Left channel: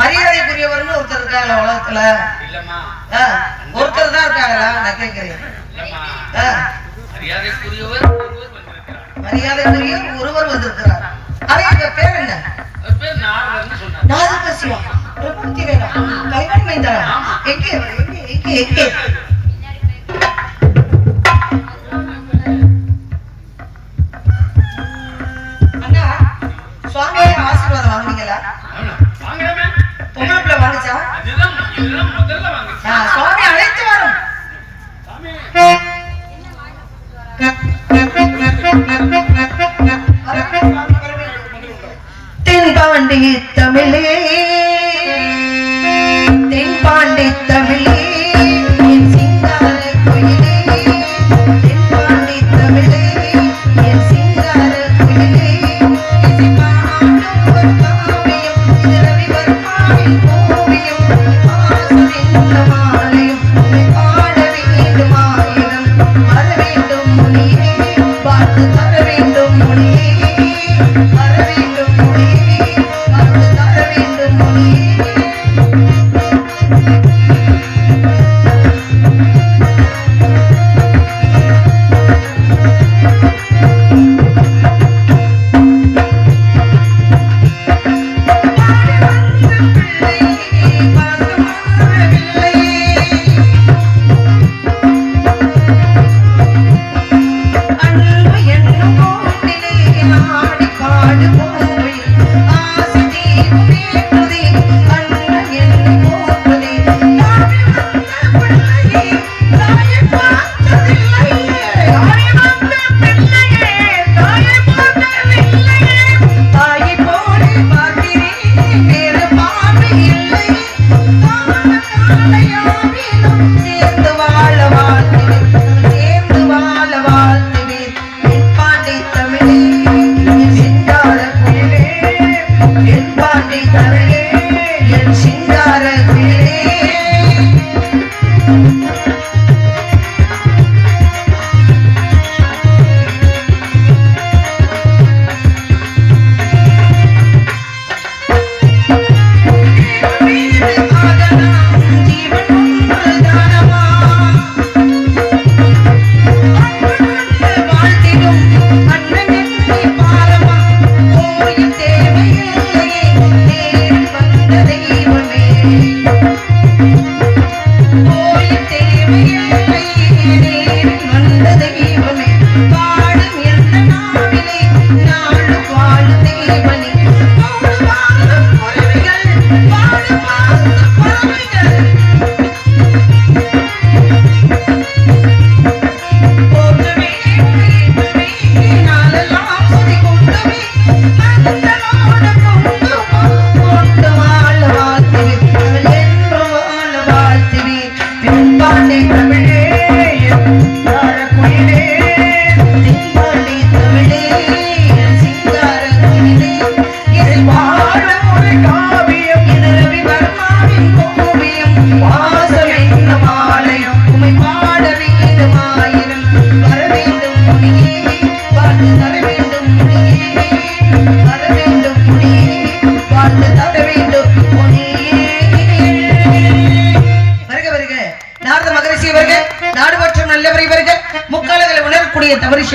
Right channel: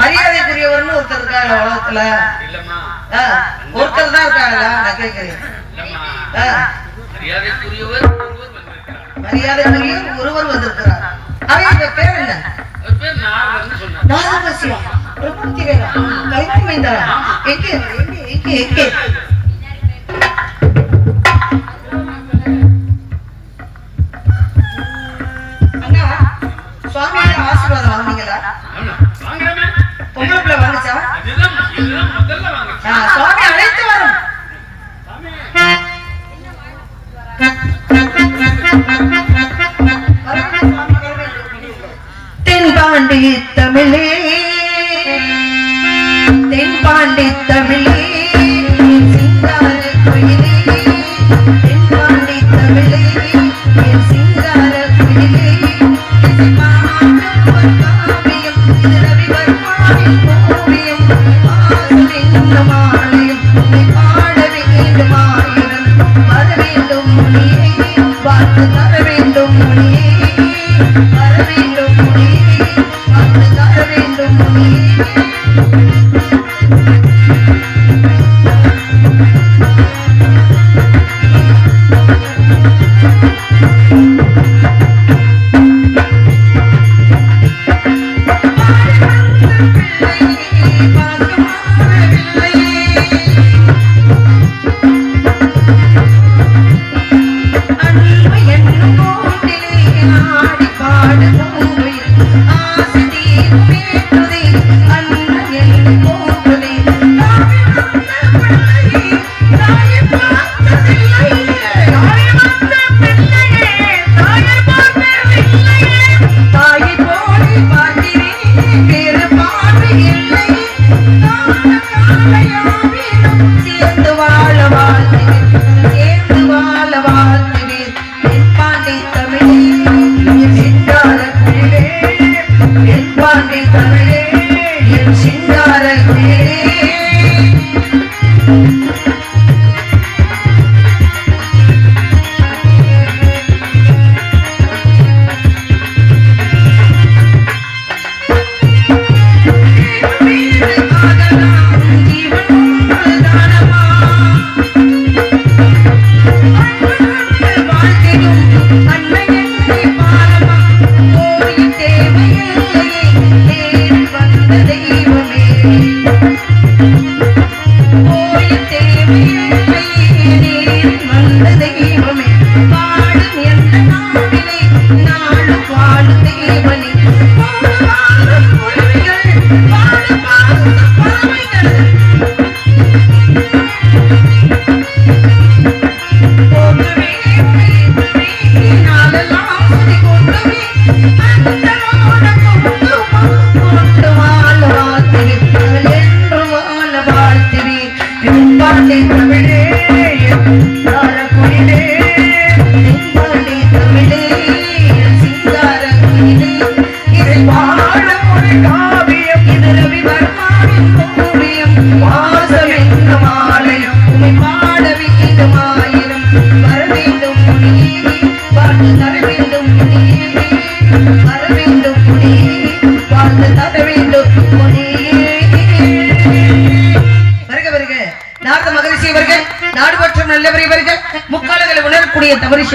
மரியாதைக்குரியவர்னு ஒருத்தர் இருக்காங்க உலகத்துல. ஒருத்தர் தான் இருக்காங்களா? நான் கேட்கிறேன். மரியாதைக்குரியவர் ஒருவர் வந்திருக்கிறார். அவங்க பேர் என்ன? நாகசிவா. கல்யாணம் வைத்தாரா? எங்கே எங்கே எங்கே? அண்ணா சுவாமியோட ஆசீர்வாதம் வாங்குனீங்களா? பொங்கலுக்குள்ள வாங்குச்சா? சுவாமி அழைத்து வரும். தென்பாண்டி தமிழே, தென்பாண்டி தமிழே, சிங்கார குயிலே, தென்பாண்டி தமிழே, சிங்கார குயிலே, ஆடி பாடு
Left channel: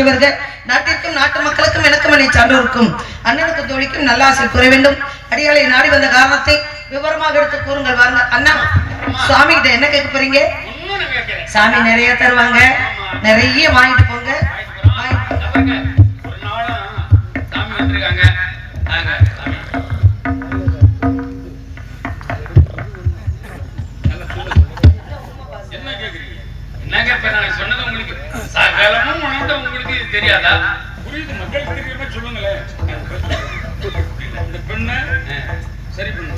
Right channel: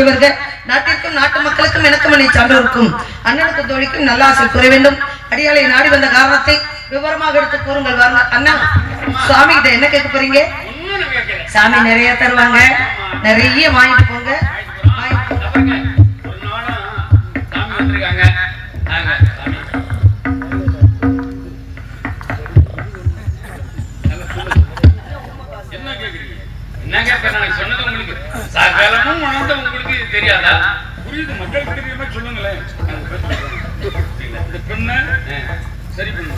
ஆட்சி வருக. நாட்டிற்கும் நாட்டு மக்களுக்கும் எனக்கும் என்னை சார்ந்தோருக்கும் அண்ணனுக்கு தோழிக்கும் நல்ல ஆசை கூற வேண்டும். அடியாளை நாடி வந்த காரணத்தை விவரமாக எடுத்து கூறுங்கள். வாங்க அண்ணா, சுவாமி கிட்ட என்ன கேட்க போறீங்க? சாமி நிறைய தருவாங்க, நிறைய வாங்கிட்டு போங்க. உங்களுக்கு தெரியாதா? புரியுது, மக்களுக்கு தெரியாம சொல்லுங்களேன். இந்த பெண்ண சரி பண்ணு.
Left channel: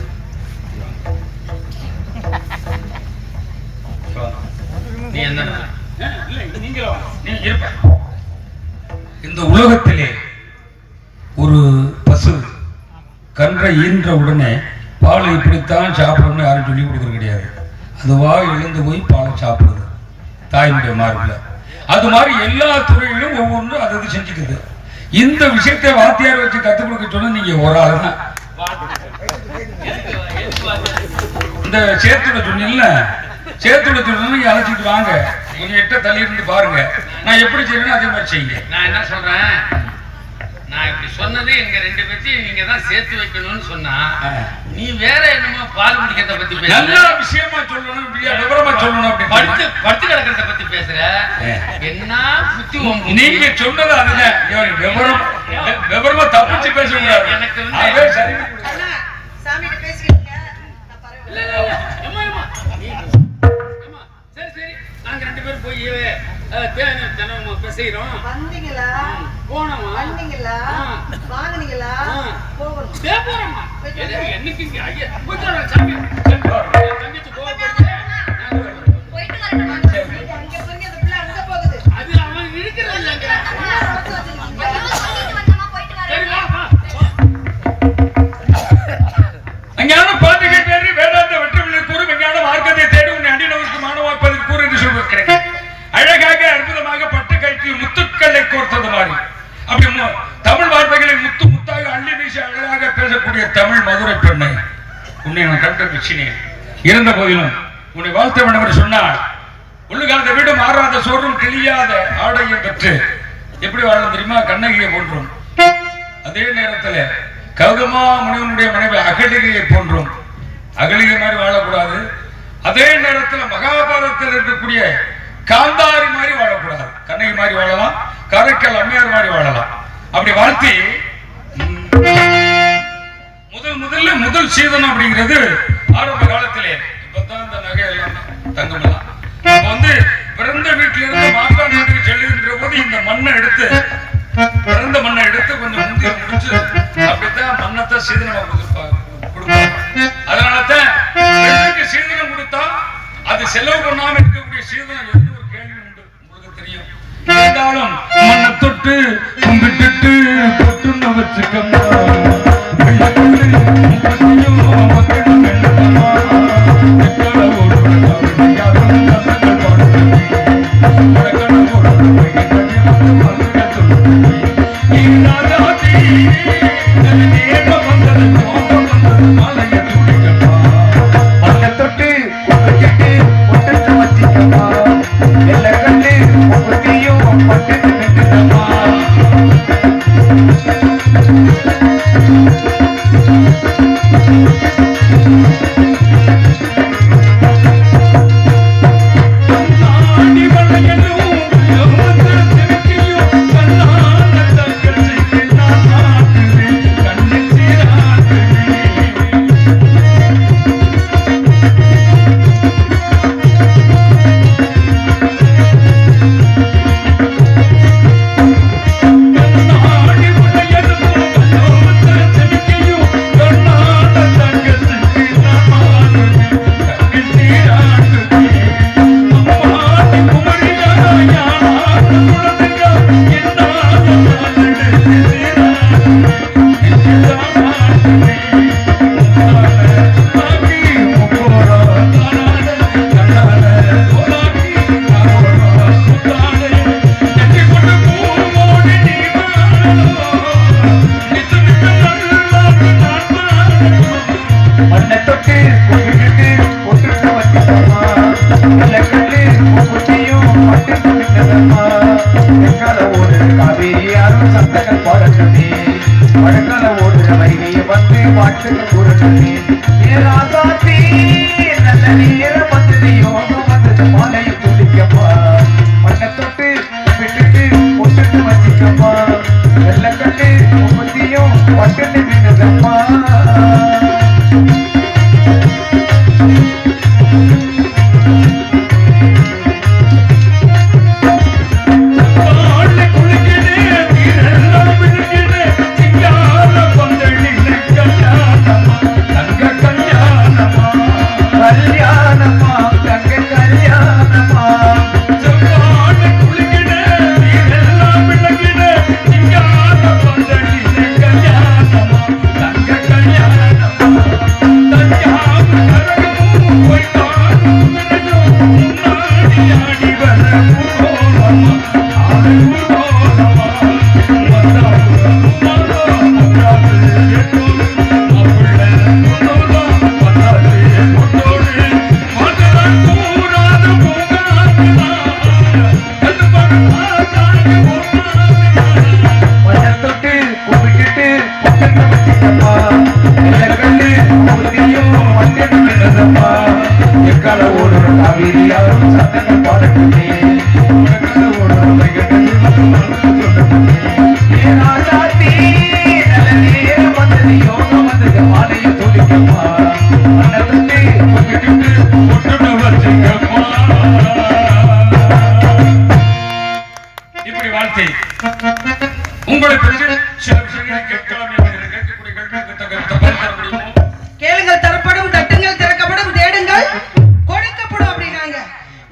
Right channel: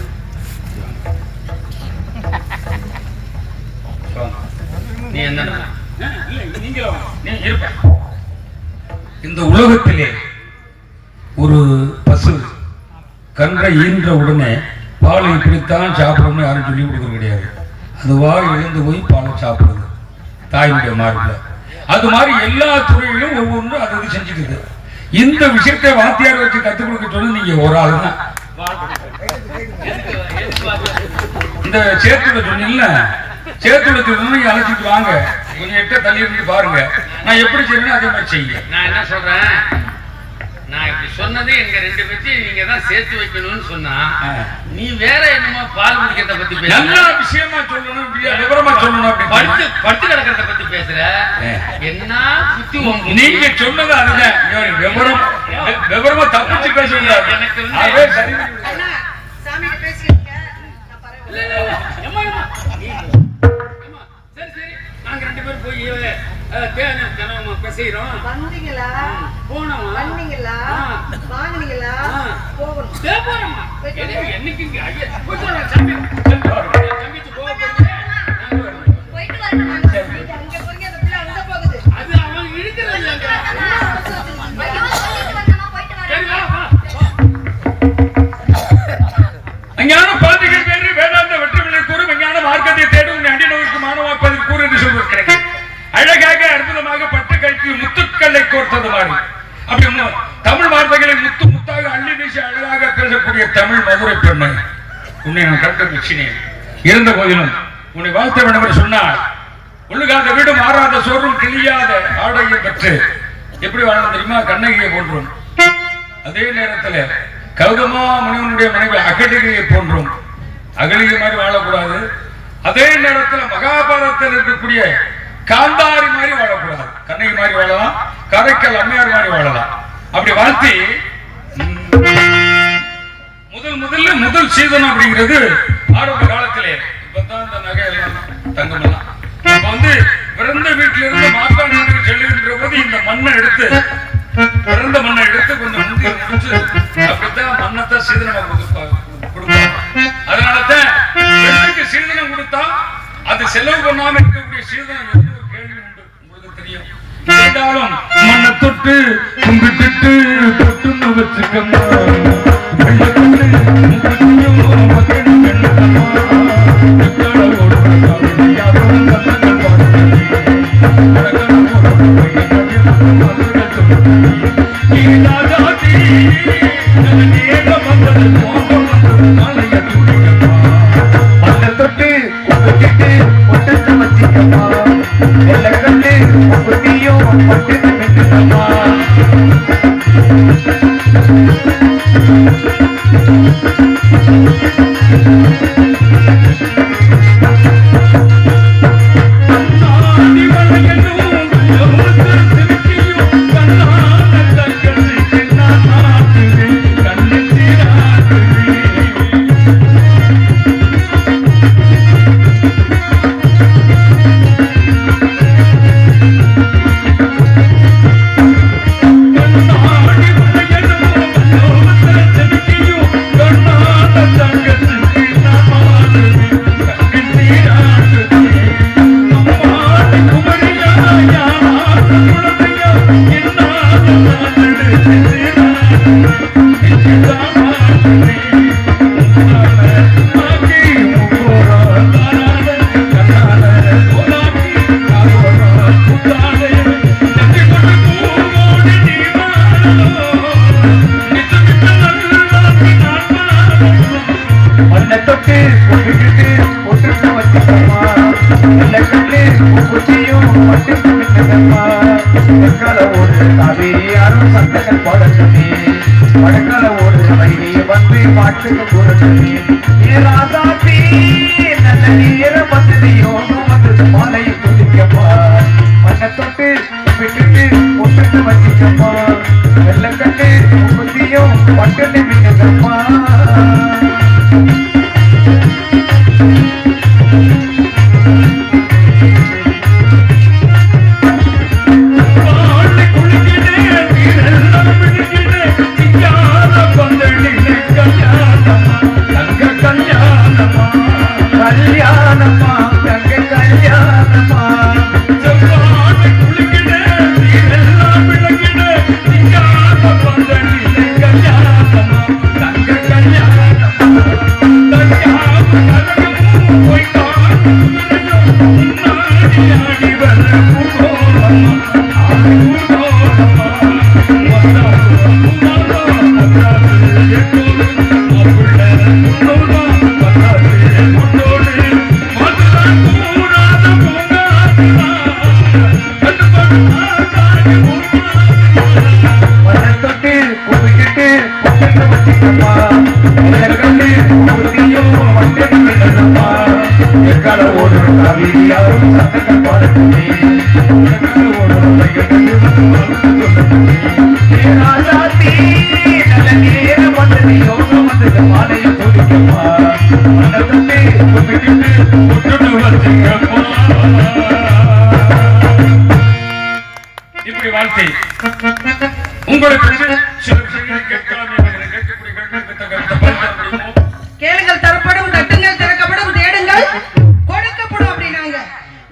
நீ என்ன இந்த உலகத்திலே ஒரு பசு கன்றை ஈன்ற உடனே பாலை இப்படித்தான் சாப்பிடணும்னு யாரும் சொல்லி கொடுக்க கிடையாது. அதுவா எழுந்து போய் பாலை சாப்பிடுது தாயினுடைய மார்பில். அது மாதிரி எல்லா துறையிலும் ஒவ்வொன்றும் அது செஞ்சுக்குது. இந்த விஷயத்தை வாத்தியார் வச்சு கற்றுக் கொடுக்க சொன்னா நீங்க ஒரு ஆள் தான். இந்த சேத்துல சொன்னீங்கல்ல, சேத்துல சொன்னா நீங்க அழைச்சிட்டு வாங்க, கொஞ்சம் எட்ட தள்ளி இருந்து பாருங்க. நான் எப்படி செய்யணும் அதே மாதிரி செய்யுங்க. நான் என்ன சொல்றேன், நான் இப்படி சொன்னது எங்க ரெண்டு பேத்தையும் நீங்க தான் சேர்த்து வைக்கணும்னு சொன்னா, நீ வேற என்னமோ பால் குடிக்கிறத பத்தி பேசுற, நல்ல விஷயமா சொல்லணும், விவரமா சொல்லணும். படுத்து படுத்து கிடக்கிறத பத்தி பேசுற, என்ன புத்தி நீங்க சொன்னது அதுதான். விவரமா தப்பிச்சு பேசுங்க. எனக்கு சரி சரி, நாங்க ரெண்டு பேரும் போய் பேசுகிறோம். என்னைக்கு அது அவன் இழுக்கிறது இல்லைங்க. அஞ்ஞான பாதிகை பேரு வேதாந்த வெற்றிவிலை கூறு விஞ்ஞான மார்க்கத்தை தேடி உன்னை அண்டி நோய்க்கு மாணவாப்பது கூறு என்று சொல்வது அழகாக அற்புதமாக பட்டு கழித்து முத்துக்களை கோர்த்தது மாதிரி. அப்படி தமிழ் வார்த்தைகளை முத்து முத்தாக அள்ளி வீசி அழகாக பேசக்கூடிய தமிழ் மதுரை பெண்ணை உன்னை நான் கண்ட பிச்சினேன். இருந்த போதிலும் உன்னை வாழ்த்த வேண்டும் என்று சொன்னால் ஒழுகாத வீடு மாறாத சோறும் கிழியாத ஆடையை பெற்று எப்படி வாழ தெரியுமா? கண்ணகியை போன்றோம். அதே நேரத்தில் கௌதமா முனிவனுடைய மனைவி அகலிகையை போன்றோம். அகலிகை மாதிரி வாழக்கூடாது. அதே நேரத்தில் மகாபாரதத்தில் இருக்கக்கூடிய காந்தாரி மாதிரி வாழக்கூடாது. கண்ணகி மாதிரி வாழலாம், காரைக்கால் அம்மையார் மாதிரி வாழலாம். அப்படி வாழ்த்தி முதல் சீதனம் அப்படிங்கிறது ஆரம்ப காலத்திலே தங்கமெல்லாம் பிறந்த வீட்டில இருந்து மாப்பாடு செல்லுகின்ற போது இந்த மண்ணை எடுத்து பிறந்த மண்ணை எடுத்து கொஞ்சம் முந்தி முடிச்சு அப்படித்தான் மண்ணத்தான் சீதனம் கொடுப்பாங்க. அதனாலதான் பெண்ணுக்கு சீதனம் கொடுத்தா அது செலவு பண்ணாம இருக்கக்கூடிய சீதனம் எந்த ஒரு கேள்வி உண்டு உங்களுக்கு தெரியும். இருந்தாலும் மண்ணை தொட்டு கும்பிட்டு தொட்டுன்னு வச்சுக்கம்மா Thank you. எக்கால ஓடுற காவேரியாரும் சந்தங்கள் பாடட்டுமே வடக்கால ஓடுற வைகையை வந்து பாட்டுக்கு கூறட்டுமே ராசாத்தி நல்ல நேரம் வந்தது யோகம் வந்தது மாலையை துடிக்கப்பா மண்ணை தொட்டு விட்டுட்டு ஒட்டு வச்சிக்கப்பா வெள்ளக்கல்லு முப்பத்தியும் பட்டு மீனப்பா இப்படி வாழ்க்கை உங்களுக்கு கேளுங்கள் தரப்படும், தட்டுங்கள் திறக்கப்படும், தேடுங்கள் கொடுக்கப்படும் அப்படின்னாங்க.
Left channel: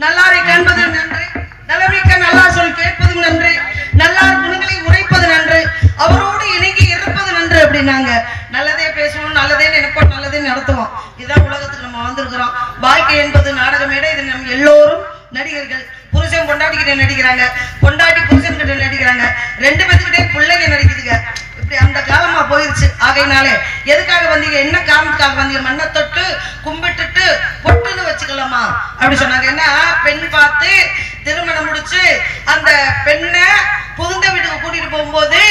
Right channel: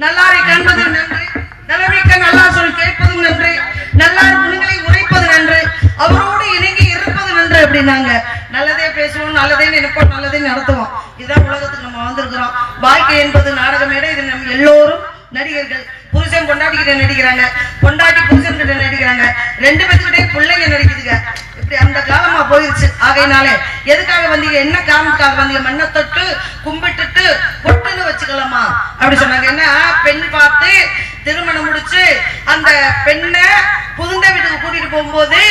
நல்லாரை காண்பது நன்று, நலமிக்க நல்லா சொல் கேட்பது நன்று, நல்லார் குணங்களை உரைப்பது நன்று, அவரோடு இணங்கி இருப்பது நன்று அப்படின்னாங்க. நல்லதே பேசுவோம், நல்லதே நினைப்போம், நல்லதே நடத்துவோம். இதுதான் உலகத்துக்கு நம்ம வந்திருக்கிறோம். வாழ்க்கை என்பது நாடக மேடை. இது நம்ம எல்லோரும் நடிகர்கள். புருஷன் பொண்டாட்டிக்கிட்ட நடிக்கிறாங்க, பொண்டாட்டி புருஷன் கிட்ட நடிக்கிறாங்க, ரெண்டு பேத்துக்கிட்டே பிள்ளைங்க நடிக்குதுங்க. இப்படி அந்த காலமா போயிருச்சு. ஆகையினாலே எதுக்காக வந்தீங்க, என்ன காரணத்துக்காக வந்தீங்க? மண்ணை தொட்டு கும்பிட்டுட்டு பொட்டுன்னு வச்சுக்கலாமா அப்படி சொன்னாங்க. என்ன பெண் பார்த்து திருமணம் முடிச்சு அந்த பெண்ணை புகுந்த வீட்டுக்கு கூட்டிட்டு போகும்போது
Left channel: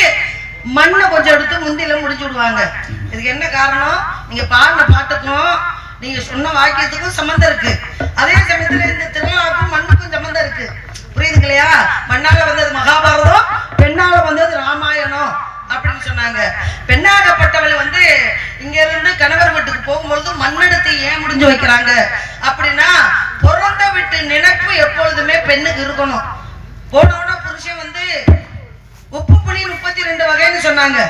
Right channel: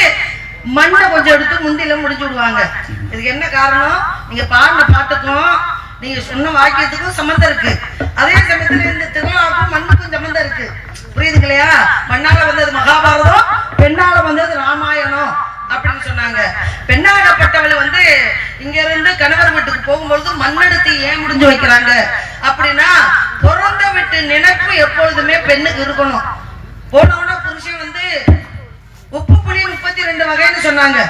மண்ணை கொஞ்சம் எடுத்து முந்தில முடிச்சு விடுவாங்க. இதுக்கு என்ன காரணம்? நீங்க பாடின பாட்டுக்கும் நீங்க சொன்ன வாக்கியத்துக்கும் சம்பந்தம் இருக்கு. அதே சமயத்துல இந்த திருவிழாவுக்கும் மண்ணுக்கும் சம்பந்தம் இருக்கு. புரியுதுங்க இல்லையா? மண்ணால வந்தது மகாபாரதம், பெண்ணால வந்தது ராமாயணம் அப்படின்னு சொன்னாங்க. பெண்ணாகப்பட்டவள் வந்து இங்க இருந்து கணவர் வீட்டுக்கு போகும்பொழுது மண்ணெடுத்து ஏன் முடிஞ்சு வைக்கிறாங்க அப்படின்னா, பிறந்த வீட்டு நினைப்பு எப்பொழுதுமே பெண்ணுக்கு இருக்கணும். போனோன்னா புருஷன் வந்து உப்பு புளி 32 வகைன்னு சொன்னாங்க.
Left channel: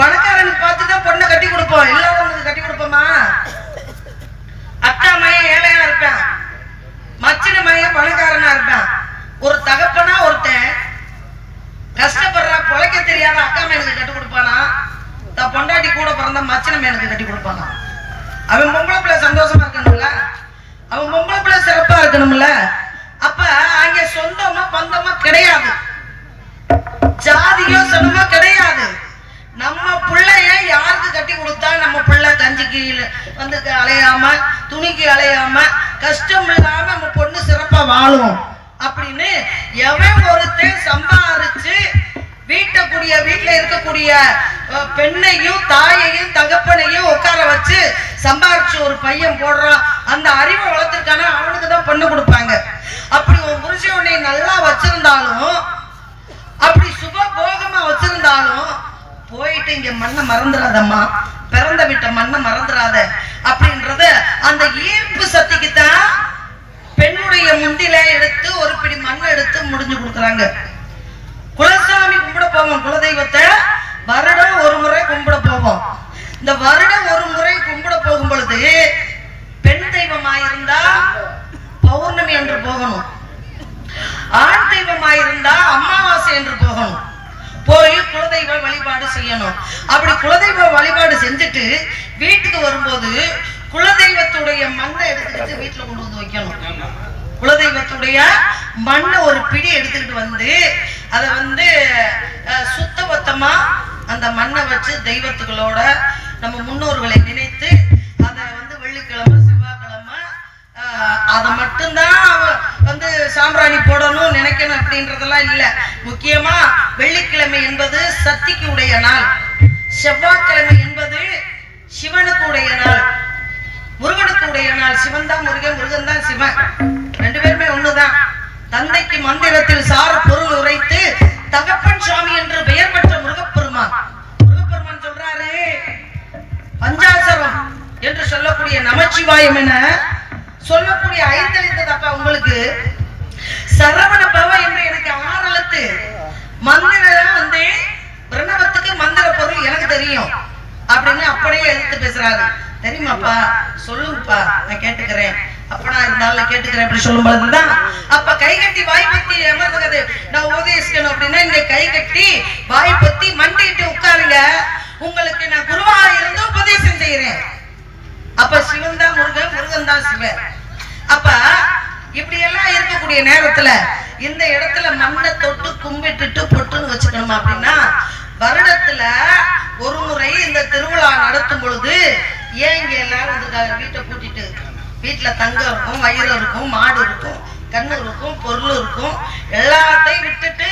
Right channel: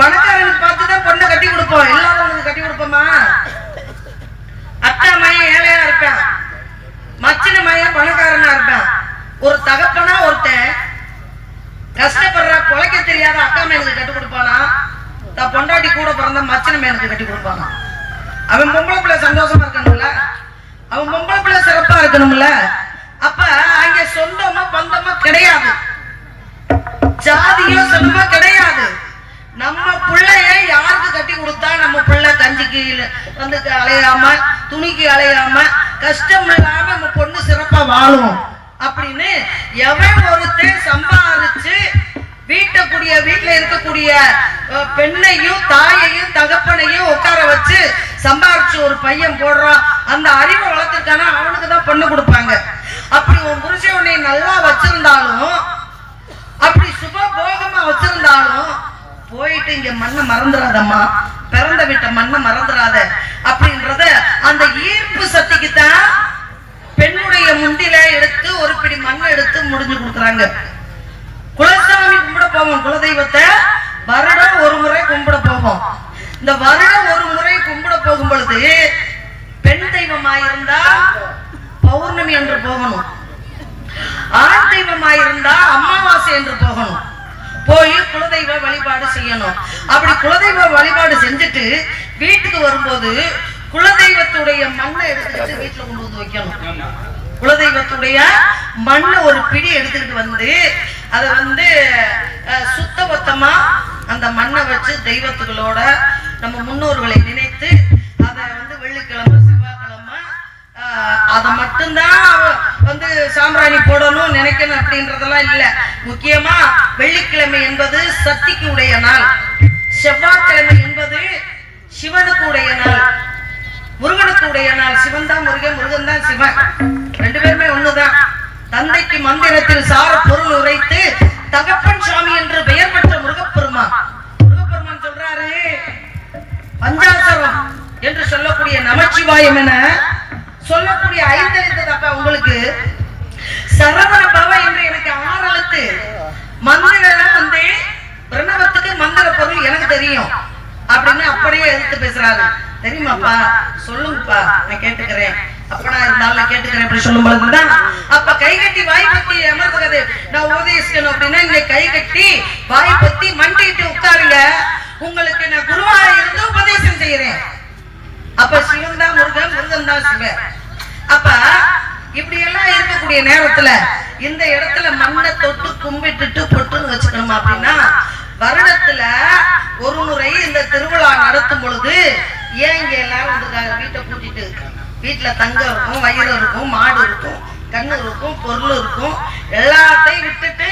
பணக்காரனுக்கு பார்த்துதான் பொண்ணை கட்டி கொடுப்போம், இல்லாதவனுக்கு கட்டி கொடுப்போமா? அக்கா மையம் ஏழையா இருப்பேன், மச்சின மையம் பணக்காரனா இருப்பேன். ஒரு தகப்பனா ஒருத்தன் கஷ்டப்படுற பொழைக்க தெரியாத அக்கா மேனுக்கு கட்டி கொடுப்பானா? தான் பொண்டாட்டி கூட பிறந்த மச்சின மேனுக்கு கட்டி கொடுப்பானா? அவன் பொம்பளை பிள்ளை சந்தோஷமா இருக்கணும்ல, அவன் பொம்பளை பிள்ளை சிறப்பா இருக்கணும்ல. அப்ப அங்க சொந்தமோ பந்தமோ கிடையாது, ஜாதியோ சொந்தமோ கிடையாது. நம்ம பிள்ளைய யாருக்கு கட்டி கொடுத்தா நம்ம பிள்ளை கஞ்சிக்கு வந்து அலையாம, துணிக்கு அலையாம, கஷ்டம் இல்லாம நம்ம பொண்ணு சிறப்பா வாழும் அப்படின்னு எவன் ஒருத்தன் சம்பாதிச்சு வீட்டுல இருக்கக்கூடிய பெண்ணையும் தாயையும் தகப்பனையும் உட்கார வச்சு சம்பாதிச்சு ஒரு பையன் போடுறான், அந்த அறிவை வளர்த்துருக்கானா அவனுக்கு தான் பொண்ணு கொடுப்பாங்க. அப்படி ஒரு புருஷன் உன்னை நல்லா வச்சிருந்தாலும், அப்படி சுகபோகமா வச்சிருந்தாலும், போயிட்டு இங்க மண்ணை மறந்துடாதம்மா, பிறந்த விட்ட மண்ணை மறந்துடாத அப்படின்றத அந்த ஈர்ப்பு சக்திக்குத்தான் பெண்ணுடைய முண்டில எடுத்து ஒரு பிடி மண்ணை எடுத்து முடிஞ்சு கொடுக்குறாங்க. குலசாமி கும்பிட போவோம், குலதெய்வத்தை வருடம் ஒரு முறை கும்பிட போவோம். இந்த வருடம் ஒரு முறை கும்பிட போகும் பொழுது பெண் தெய்வமாயிருந்தா பௌர்ணமி என்று போகணும், ஆண் தெய்வமாயிருந்தா அமாவாசை என்று போகணும். போய் குலதெய்வ வழிபாடு செய்யணும். அப்படி குலதெய்வ வழிபாடு செஞ்சுட்டு வீட்டுக்கு வரும்போது குலதெய்வத்துடைய மண்ணை எடுத்துக்கிட்டு வீட்டுல கொண்டு வந்து வைக்கணும். குலதெய்வத்துடைய மண்ணை ஒரு பிடி எடுத்துக்கிட்டு வந்து அதை வந்து சுத்தபத்தமா அந்த மண்ணை வச்சு தெய்வத்துகளோட நம்ம முன்னோர்களை நினைத்து அதை வந்து வெள்ளிக்கிழமை செவ்வாய்க்கிழமை அதை மட்டும்தான் வந்து சாம்பிராணி போடணும் நினைக்கணும் அப்படின்றதெல்லாம் இல்ல. முக்கியமா வெள்ளிக்கிழமை என்பது சக்திக்கு உடைய நாள், செவ்வாய்க்கிழமை என்பது சிவனுக்கு உடைய நாள், முருகனுக்கு உடைய நாள். சிவன் தான் முருகன், முருகன் தான் சிவன், ரெண்டு பேருமே ஒண்ணுதான். தந்தைக்கு மந்திரத்தில் சார பொருள் உரைத்து தகப்பன் சுவாமி என்று பெயர் பெற்ற முருகப்பெருமான் சொல்றாரு, பஞ்சாசரம் என்று சொல்லக்கூடிய நமச்சிவாயம் என சொல்லக்கூடிய ஐந்தெழுத்தப்பா உங்களுக்கு சரவண பவ என்று எனக்கு 6 எழுத்து மந்திரம் வந்து பிரணவத்துக்கு மந்திர பொருள் எனக்கு தெரியும் அப்படின்னு அப்படியே எடுத்து பேசுறாரு. தெரியுமாப்பா? சொல்லுங்கப்பா, நான் கேட்டுக்கிறேன். அப்பனா இருந்தாலும் கேட்டுக்கிறேன் அப்படி சொல்லும் பொழுதுதான் அப்ப கை கட்டி வாய் பத்தி அமர்ந்துகிறது. நான் உபதேசிக்கணும் அப்படின்னா இங்க கை கட்டி வாய் பத்தி மண்டிட்டு உட்காருங்க, உங்களுக்கு நான் குருவா இருந்து உபதேசம் செய்யறேன். அப்ப சிவன் தான் முருகன், முருகன் தான் சிவன். அப்ப இப்படி எல்லாம் இருக்கக்கூடிய நேரத்துல இந்த இடத்துல மண்ணை தொட்டு கும்பிட்டுட்டு பொட்டுன்னு வச்சுக்கணுமா அப்படின்னா, வருடத்துல ஒரு முறை இந்த திருவிழா நடத்தும் பொழுது ஏன் இங்க எல்லாரும் வந்திருக்காங்க? வீட்டை கூட்டிட்டு வீட்டுல தங்கம் இருக்கும், வயிறு இருக்கும், மாடு இருக்கும், கண்ணு இருக்கும், பொருள் இருக்கும், எல்லாத்தையும் விட்டுட்டு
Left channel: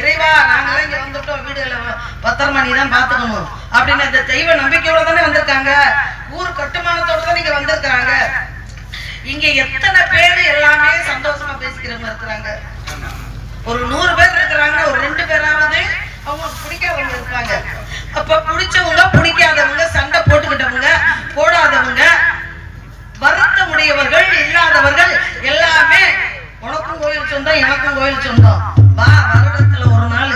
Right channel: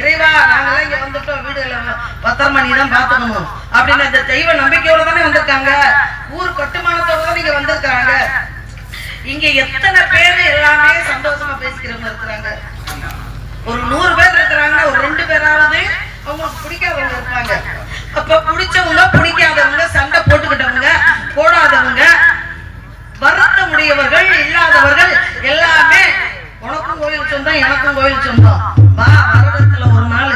இறைவா நாங்களாம் இங்க வந்துட்டோம், வீடுல பத்திரமா நீ தான் பாத்துக்கணும் அப்படின்னு அந்த தெய்வ நம்பிக்கையோட தானே வந்திருக்காங்க. ஊர் கட்டுமானத்தோட தான் இங்க வந்திருக்காங்க. இங்க எத்தனை பேரு எல்லாமே சந்தோஷமா பேசிக்கிறவங்க இருக்கிறாங்க. ஒரு 100 பேர் இருக்கிறாங்க, ஒரு 2 பேராவது அவங்களுக்கு பிடிக்காதவங்க இருப்பாங்க. அப்ப பிடிச்சவங்க பிடிக்காதவங்க, சண்டை போட்டுக்கிட்டவங்க போடாதவங்க, வருத்தம் உடையவர்கள் இல்லாதவர்கள் எல்லாமே உனக்கும் கோயில் சொந்தம் எனக்கும் கோயில் சொந்தம், வா வருடத்துல ஒரு நாள்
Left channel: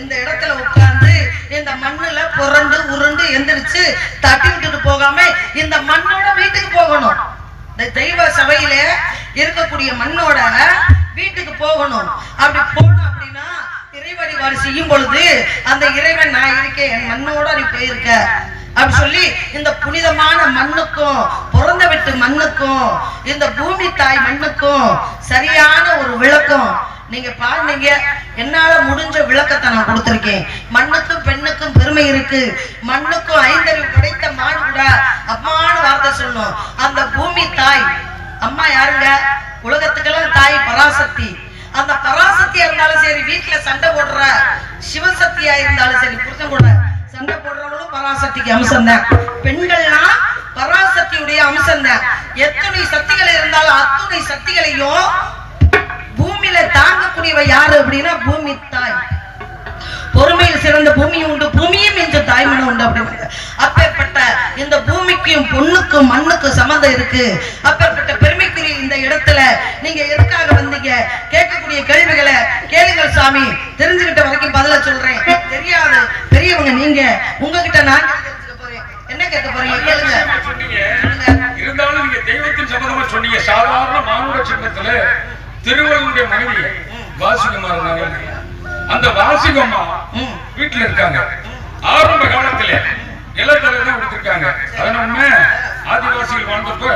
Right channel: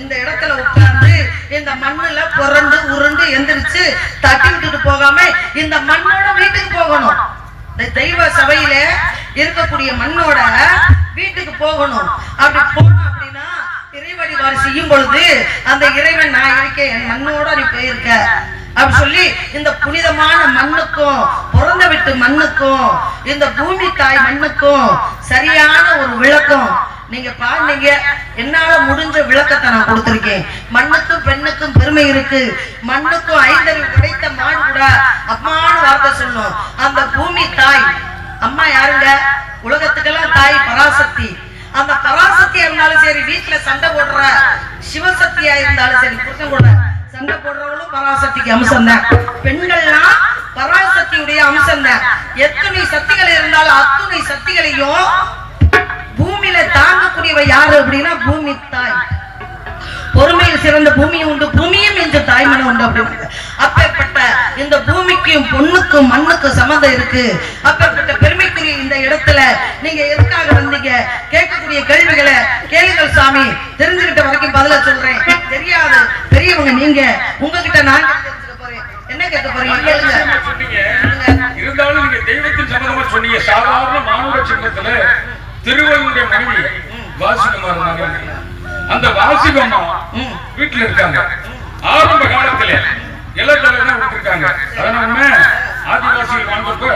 இந்த இடத்துல உட்கார்ந்து இந்த மண்ணுல புரண்டு உருண்டு எந்திரிச்சு தட்டி விட்டுட்டு போகாம இந்த மண்ணோட வீட்டுக்கு போகணும். இந்த தெய்வ சபையில இருக்கக்கூடிய மண்ணோட வீட்டுக்கு போகணும். அப்படி போகணும் அப்படின்னா இறை வழிபாடு செய்யும் பொழுது அந்த இறைவன் நான் இருக்கேன், என் மண்ணோட நீ போயிருக்க அப்படி சொல்லி இந்த புனிதமான மண்ணுக்கும் பிறந்த விட்டு மண்ணுக்கும் இந்த பூமி தாய் மண்ணுக்கும் சரியான ஒரு விளக்கம் நீங்க பாருங்க. என்னால முடிஞ்ச விளக்கத்தை நான் கொடுத்திருக்கேன். மண்ணுக்கும் பெண்ணுக்கும் பெருமை இருக்கு. மண்ணுக்கும் 5 அறிவு படைத்த மான் கூட அம்மான்னு வார்த்தை சொன்னோம். அந்த பூமி தாய் அம்மா யாருங்க? உலகத்துக்கெல்லாம் தாய் பராசக்தி. அந்த பராசக்தியா இருந்தாலும் சரி, வீட்டுல சண்டை போடுற சிவசக்தியா இருந்தாலும் சரி, புருஷன் கூட சண்டை போடுறவங்களும் பராசக்திக்கு அம்சம் தான். பெண்கள்லாம் பராசக்தியுடைய அம்சம் தான். எத்தனை சக்திகள் இருந்தாலும் அத்தனை சக்திகளையும் பூமியில தாங்கக்கூடியவ யாரு அப்படின்னா பூமி தாய். பொறுமையில் சிறந்த பூமியும் உண்டு, பூமியும் இந்த தாய்மனை உண்டு அப்படின்னு. அப்பேற்பட்ட இந்த பூமிக்கும் பொண்ணுக்கும் மண்ணுக்கும் சம்மந்தம் இருக்கு. அப்பேற்பட்ட பெருமைக்குரிய இந்த இடத்துல நீங்க எதுக்காக வந்தீங்க? கேட்கக்கூடிய கேள்விகளை கேளுங்கள் சாமி. தெரிஞ்சுக்கிட்ட வரைக்கும் பதில சொல்றேன். தெரியாது பெரியவங்க நீங்க, உங்ககிட்ட நான் தெரிஞ்சுக்க போறேன். என்ன கேட்க போறீங்க கேளுங்க. இருந்தாலும் நீங்க தெய்வத்தின் சம்பந்தமா சொன்னீங்க. சாதாரண மானுட சின்னத்துல திருவள்ளுடைய மனைவி வாசிகமா இருந்தாங்க. அந்த வாசிகம்மா வீட்டுல இருக்காங்க. ஆரம்ப காலத்துல இலத்தலை தான் கொடுத்திருக்காங்க. அதனால ஆதிவாசிகள் வாழ்ந்தப்ப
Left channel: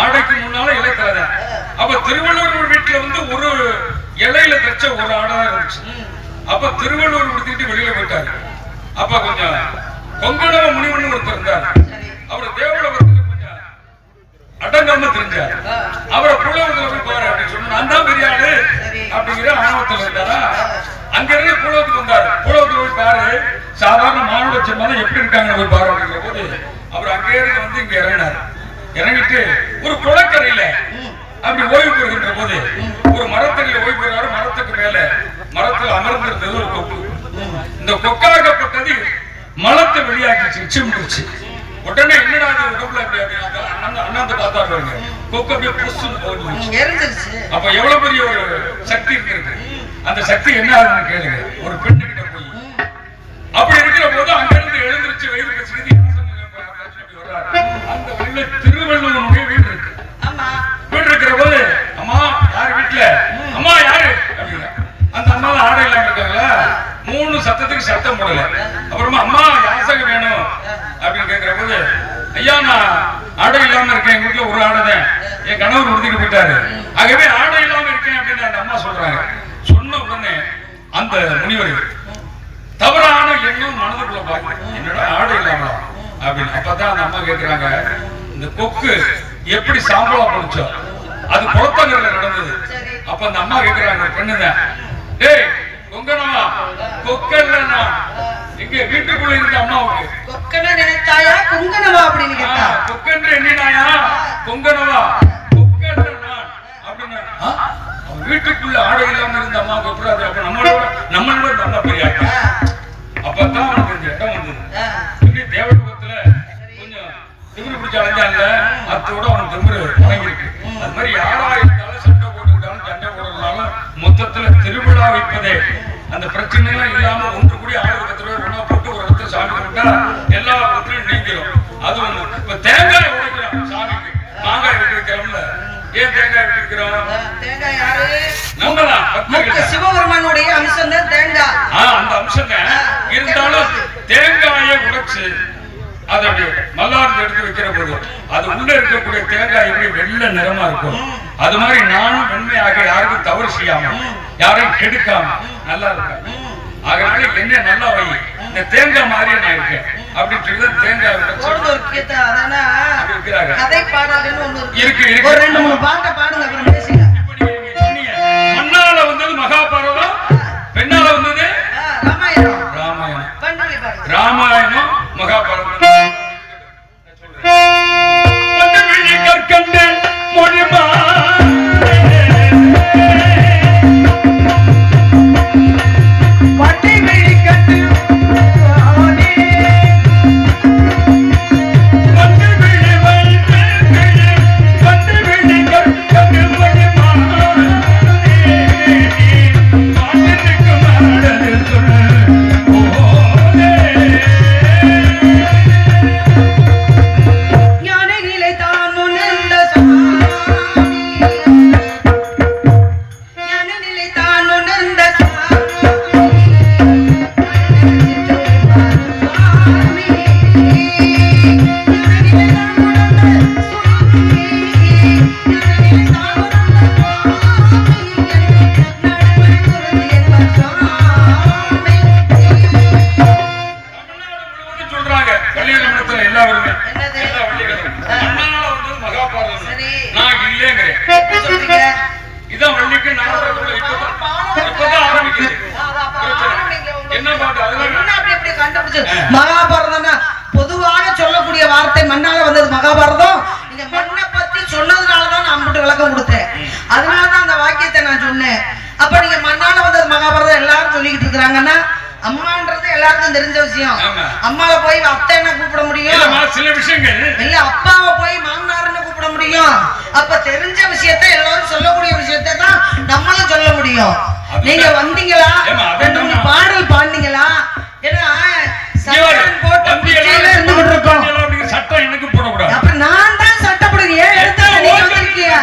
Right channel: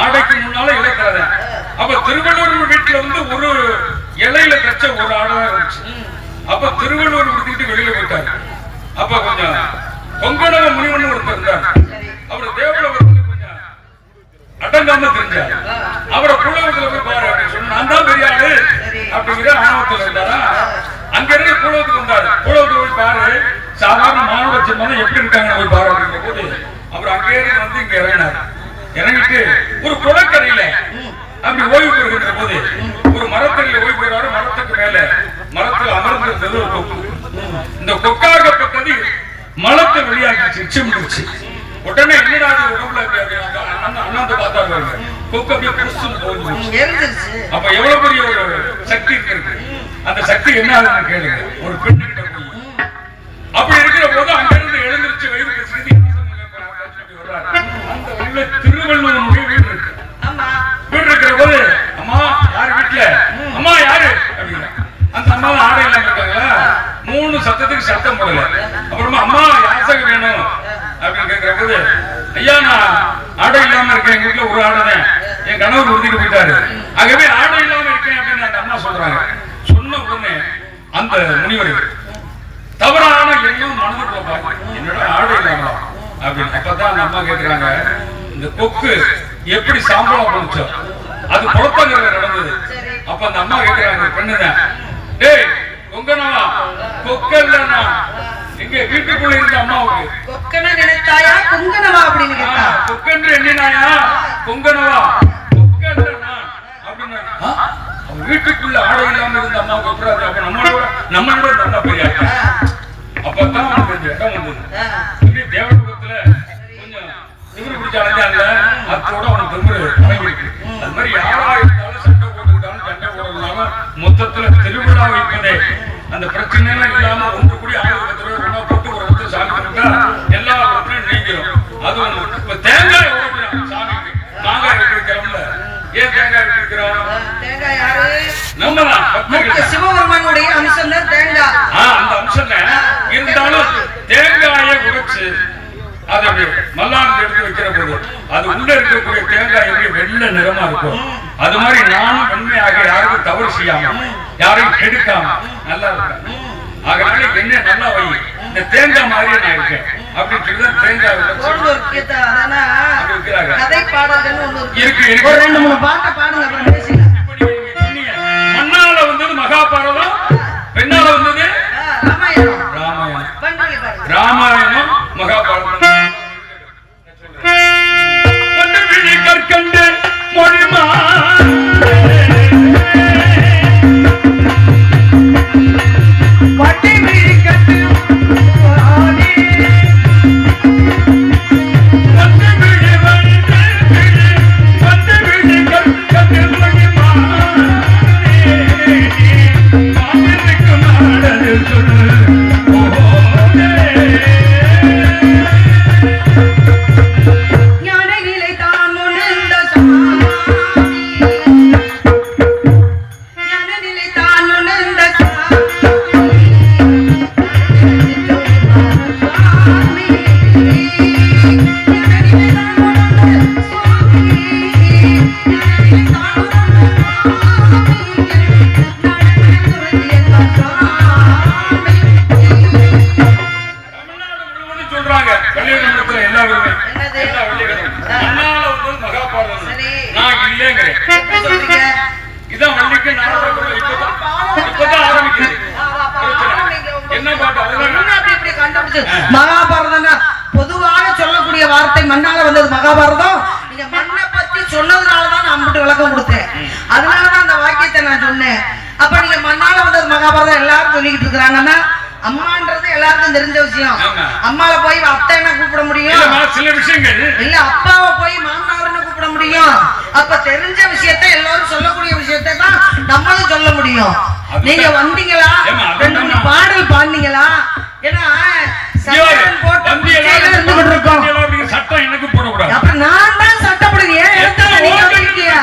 ஆடைக்கு முன்னால இலத்தலை தான். அப்ப திருவள்ளுவர் வீட்டுல வந்து ஒரு இலையில தச்ச ஒரு ஆடை தான் இருந்துச்சு. அப்ப திருவள்ளுவர் கொடுத்துட்டு வெளியில போயிட்டாரு. அப்ப கொஞ்சம் பொங்கடவ முனிவன் ஒருத்தர் இருந்தார். அவர் தேவலோகத்துல கொஞ்சம் அடங்காம தெரிஞ்சார். அவரை புலவத்துல போய் பாரு அப்படின்னு சொன்ன நான் தான் பெரிய ஆளு அப்படிங்கிற ஆணவத்துல இருந்தாரா. அங்க இருந்து புலவத்துக்கு வந்தாரு. புலவத்துக்கு போய் பாரு, சாதாரண மானுட சின்னம் எப்படி இருக்காங்க போய் பாரு அப்படிங்கிற போது அவர் அங்கே வந்து இங்க இறங்கினார். இறங்கிட்டு ஒரு குளக்கரையில அப்படி ஓய்வு பெறுகின்ற போது ஒரு மரத்தடியில ஓய்வு பெறுவாரு. மரத்துக்கு மேல மரத்தில் அமர்ந்திருந்தது ஒரு கொக்கு. இந்த கொக்காகப்பட்டது மலத்தை வெளியாக்கிச்சு, நிச்சயமிடுச்சு. உடனே என்னடா உடம்புல அண்ணாந்து பார்த்தாரு, கொக்கு அப்படியே புஷ்ன்னு போயிடுச்சு. அப்ப எவ்வளவு பெரிய ஒரு சக்தி இருக்கு. அந்த சக்தி என்ன ஆகுதுன்னு கேளுங்க. ஒரு பெண்ணுகிட்ட போய் அப்படி இருக்கிற போது அங்கிருந்து எழுந்திருச்சு வயிறு சிந்தி அந்த வழியில திருவள்ளுவருடைய வீடு இருக்கு. வீடு இருக்கிற போது அம்மா யாரு வீட்டுல, அம்மா யாரு அப்படின்னா அந்த அம்மாவை ஆடை இல்லாம இருக்காங்களா. 3 சத்தத்துக்கு சத்தம் போடல. அப்புறமா அம்மா யாசகம் வேணும் அப்படின்னு கேட்கிற போது, ஐயா நான் ஆடை இல்லாம இருக்கேன், எங்க வீட்டுல ஒரு ஆடைதான், என் கணவர் உறுதிட்டு போயிட்டாரு, ஆகவே ஆடை இல்லாம இருக்கேன் அப்படின்னு அந்த அம்மா சொல்றாங்க. சொன்ன உடனே அந்த முனிவர் தவறான எண்ணம் மனதுக்குள்ள பாருங்க, என்னோட ஆடை இல்லாம அப்படின்னு. அப்பதான் அந்த அம்மா கேட்கிறாங்க, இந்த கொக்கு எப்படி சாம்பலா போச்சோ அது குளத்தங்கரையில நடந்தது. சரி. அப்ப அந்த அம்மா கேக்குறாங்க பெண்ணுதான், டேய் கொங்கனவா கொக்கல்லனா இங்க வீட்டுக்குள்ள இருந்த அம்மாவுக்கு கொக்கன நினைத்தாயா குங்கனவா அப்படின்னு கேட்டா கொக்கன்று எண்ணினாயா கொங்கனவா கொக்கல்லனா அப்படின்னா அவ வீட்டுக்குள்ள ஆடை இல்லாம இருந்த அம்மாவுக்கு எப்படாது? அப்ப நம்மளோட நல்ல பெரியா அப்பதான் அவனுக்கு கொஞ்சம் இடம் வந்தது. தேவலோகத்துல கொஞ்சம் திமிரு பிடிச்ச அலைஞ்சால அத்தோட அவன் திமிரு இறங்கிருக்கு. அது மாதிரி யாரா இருந்தாலும் சண்டை போட்டுக்கிட்டாலும் சண்டை போடுறதுனாலும் மொத்தத்துல திருவிழா வைப்பதே அந்த பிரச்சனை எல்லாம் இல்லாம ஒன்று கூடி 1000 ரூபாய் ஒண்ணா போட்டு ஒரு இடத்துல சாமி கும்பிட்டா எல்லா பிரச்சனையும் நீங்கிடும். அது ஒண்ணு. இப்ப தேங்காய் உடைக்கிறோம் சாமிக்கு, மாங்காய் வைக்கிறோம்ல. ஏன் தேங்காய் வைக்கிறோம்? தேங்காய் யாரு? நம்மதான் சிவபெருமானுடைய அம்சம் தான் தேங்காய். அந்த அம்சம் இருந்தாலும் தேங்காயை உடைச்சு அதை மல்லாந்து எடுத்து வைக்கிற போது அது உள்ள இருக்கக்கூடிய தேங்காய் எப்படி வெள்ளை நிறமா இருக்கும். அது மாதிரி நானும் உண்மையாக யாருக்கும் தவறு செய்யாம யாரையும் கெடுக்காம நல்லா இருக்கேன். அதனால என்ன நல்லா வை, இந்த தேங்காய் மாதிரியே நான் இருக்கேன் அப்படின்னு சொல்லி தேங்காய் கதை பாடல்கள் இருக்கு. ஒரு 2-3 பாட்டை பாடுங்க, அப்புறம் பேசிக்கலாம். மண்ணால வந்தது மகாபாரதம், பெண்ணால வந்தது ராமாயணம் மகாபாரதம். கற்கண்டு மொழிமா மகாபாரதம் பொதுவாக சொல்லக்கூடிய வார்த்தை மண்ணால வந்தது மகாபாரதம். நீங்க மண்ணை பத்தி சொன்னதுனாலதான் நான் மட்டும் விளக்கம் கொடுத்தேன். அதனாலதான் அந்த வாக்கியத்தை நான் சொன்னேன். அப்ப நீங்க மண்ணால வந்தது மகாபாரதம் எல்லாரும் சொல்லிக்கிட்டு இருக்கிறாங்கன்னா அம்மான்றது எல்லாருக்கும் தெரிஞ்ச விஷயம். அம்மாவை போய் அத்தைன்னு கூப்பிட முடியும், சில விஷயங்கள் இல்ல அப்பாவை போய் மாமனார்னு கூப்பிட முடியும். அப்ப தெரிஞ்ச விஷயத்தை எல்லாரும் சொல்லக்கூடிய விஷயத்தை தான் நம்மளும் சொல்ல முடியும். நீங்க வந்தீங்களா, 2 பாடல் பாடுனீங்களா? ஏன்னா சட்டம் எனக்கு போடக்கூடாது. அப்ப நான் தான் சட்டப்படுது. ஏன் இடத்துல நீங்க வந்திருக்கீங்க,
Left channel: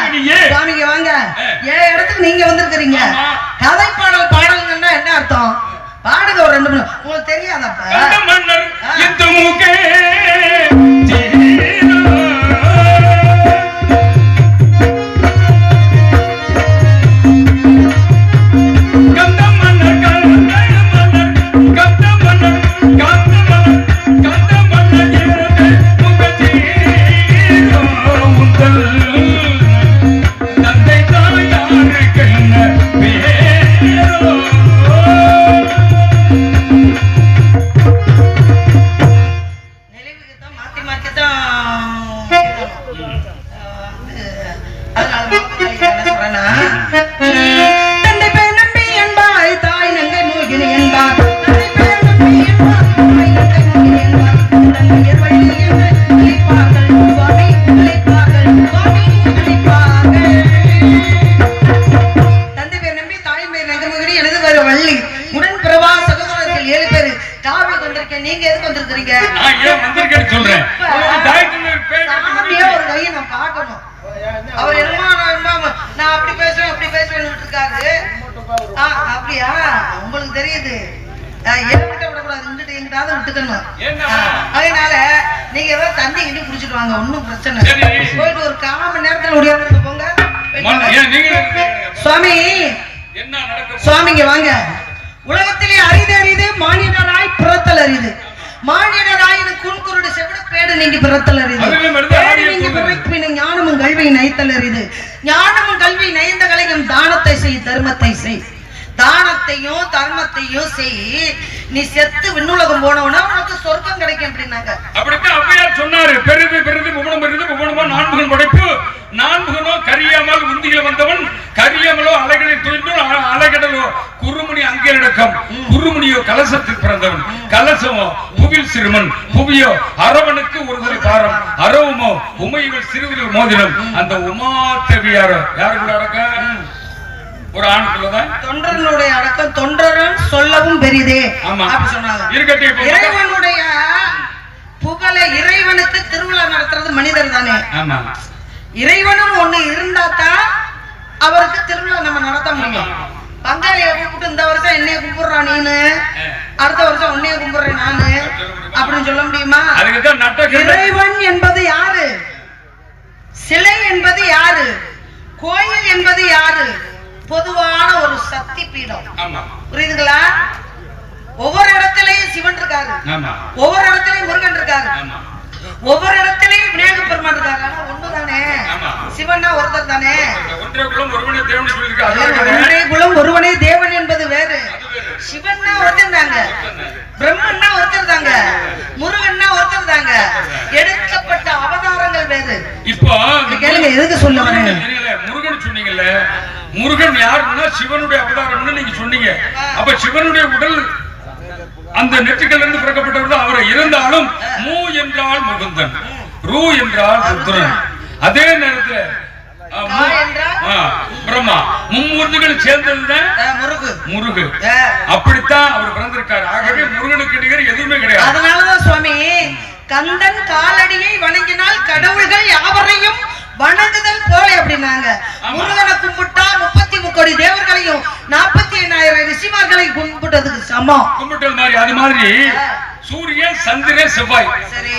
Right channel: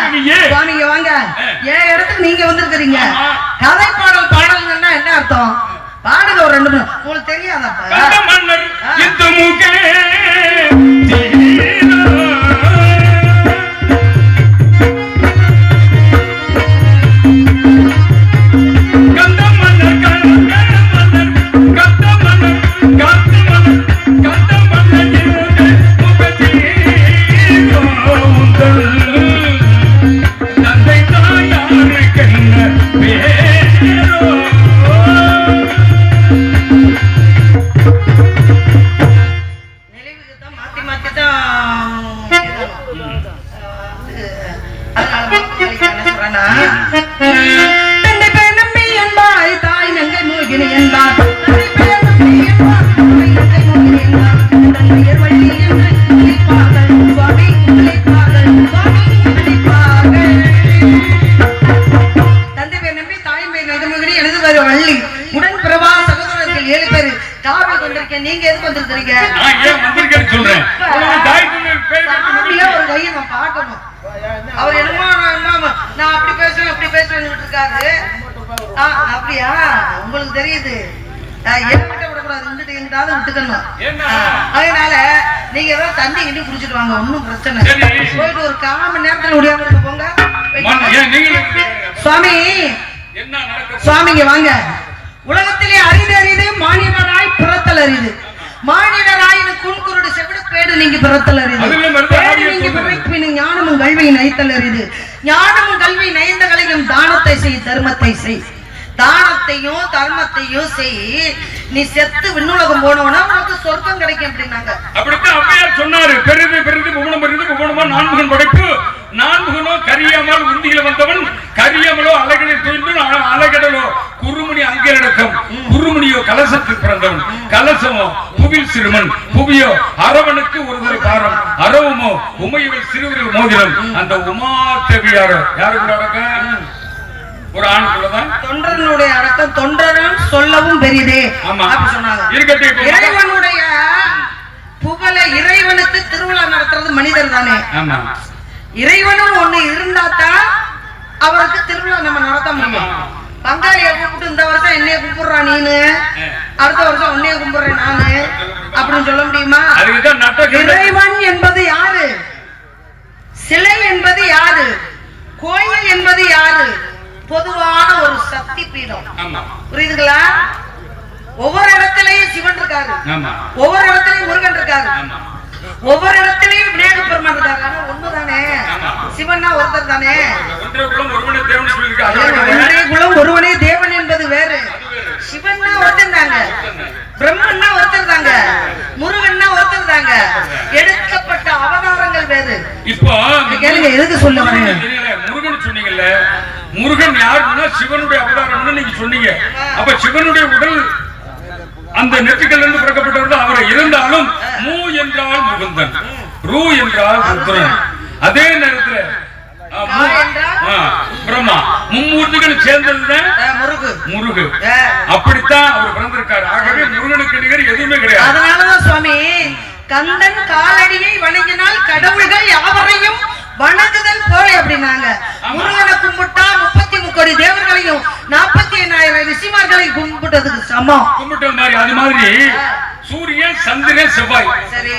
நீங்க வாங்க. ஏன் இடத்துக்கு நீங்க வந்திருக்கிறீங்க. கதை பாடல் பாடல்கள்னா என்ன அர்த்தம்? பாடுங்க ஒரு 2 உங்களுக்கு தெரியாதப்ப. நீங்க எதுக்கு வந்திருக்கீங்க? அவர் என்னமோ நான் அப்படி பேசுவேன் இப்படி பேசுவேன்னு இருக்காரு. அப்படியா? உங்களுக்கு தெரியுது. என்கிட்ட விடக்கூடாது, இருந்துட்டு எங்கிட்டாவது விட்டுக்கணும். அதனால நீங்க ஏதாவது தண்ணி கிண்டி குடிச்சிட்டு வாங்க, ஒன்னும் பிரச்சனை. போயிட்டு ஒரு 1/4 மணி நேரத்துல முடியாது போங்க. சுவாமி சுவாமிங்க வாங்க. உலகத்திலே அரிது மானிடராய் பிறத்தல் அரிது. மானிடராயின் குன்குருடு செவிடு பேடு நீங்க பிறத்தல் அரிது. ஞானமும் கல்வியின் ஐத்தல் அரிது. ஞானமும் கல்வி நயந்த கலையும் தானத்தை செய் தர்மத்தை செய். தானத்தையும் தர்மத்தையும் செய், நீ செத்து விண்ணுலகம் போனவனா உனக்கு சொர்க்கம் கிடைக்கும் அப்படின்னாங்க. அப்படித்தான் அப்பையார் சொன்னாரு. பெரிது பெரிது புவனம் பெரிது புவனமோ நான்முகன் படைப்பு, நான்முகனோ கரியாமல் உந்திய வந்தவன், கரியாமலோ அலைகளை தூய்ந்து அலைகடலோ குறுமுனி அங்கே நடக்கும், குறுமுனியோ கலசத்தில் பிறந்தவன், கலசமோ புவில் சிறுமன், புவியோ அரவனுக்கு ஒருவரு காரம், அரவமோ உமையவள் சிறுவர்கள் மோதிரம். அந்த உமா தேவியாரோ யாருக்கு அடக்கம்? ஒரு ஆணுக்குள்ளதான். தொண்டர்களுடைய அடக்கம் தொண்டரும் சொல்லவும் பெரிதே அப்படி சொன்னாங்க. இறைவனுடைய புகழ, இறைவனுக்கு திருவிழா நடத்துறது மனிதர் தானே. இறைவனும் ஒண்ணு இருந்தாதான் அவருக்கு திருவிழா நம்ம நடத்த முடியும். பங்காளியை கூப்பிட்டு இந்த வருஷம் என்னைய கும்பிடுறா நீனு, அடுத்த வருஷம் உன்னைய கும்பிடுறேன் நானு அப்படின்னு சொல்ல முடியுமா? இறைவன் என்பது யாரு? சிலை என்பது யாரு? கோயில் என்பது யாரு? பொதுவான ஒரு சக்தி பீடம். புரியுதுங்களா? ஒவ்வொரு இடத்திலையும் சிவன் இருக்காரு, ஒவ்வொரு இடத்திலையும் முருகன் இருக்காரு, ஒவ்வொரு இடத்திலையும் விநாயகர் பெருமான் இருக்காரு. ஆனா ஒண்ணுதானே, சிவன்னா ஒருத்தர் தானே. ஒன்றே குலம் ஒருவனே தேவன் என்பது வேறு. சிவன்னா ஒருத்தர் தாங்க, பிரம்மன்னா ஒருத்தர் தாங்க, முருகன்னா ஒருத்தர் தாங்க. எடுக்கப்பட்ட அவதாரங்கள் வேறு. இப்போ கேளுங்க, எதுக்கு சொல்ல வரேன்? முருகன் சொன்னீங்கல்ல, முருகன் யாருன்னா சிவனுடைய அவதாரம்னு நீங்க சொன்னீங்க. அப்ப சிவனுடைய உடல் அந்த நெற்றிகள் இருந்து பிறக்கப்பட்டவர் அவர் இருந்தாலும், மூ என்றால் முகுந்தன், ரூ என்றால் ருத்ரன். அதே நேரத்தில் பிரம்மா, மும்மூர்த்திகள் சேர்ந்ததுதான் முருகு. அப்படித்தான் அவர் பிறந்திருக்காரு. ஆகவே முருகனுக்கு நிகர் எதுவுமே கிடையாது. அதனாலதான் சுவாமி கந்தன் காலடியை வணங்கினால் கடவுள்கள் யாவரையும் வணங்குதல் போல அப்படின்னாங்க. முருகனை கும்பிட்டா 33 கோடி தேவர்களையும் 48,000 ரிஷிமார்களையும் கும்பிட்டதுக்கு சமம். கும்பிட்டது மாதிரி. அது மாதிரி சூரியன், சந்திரன், செவ்வாய்,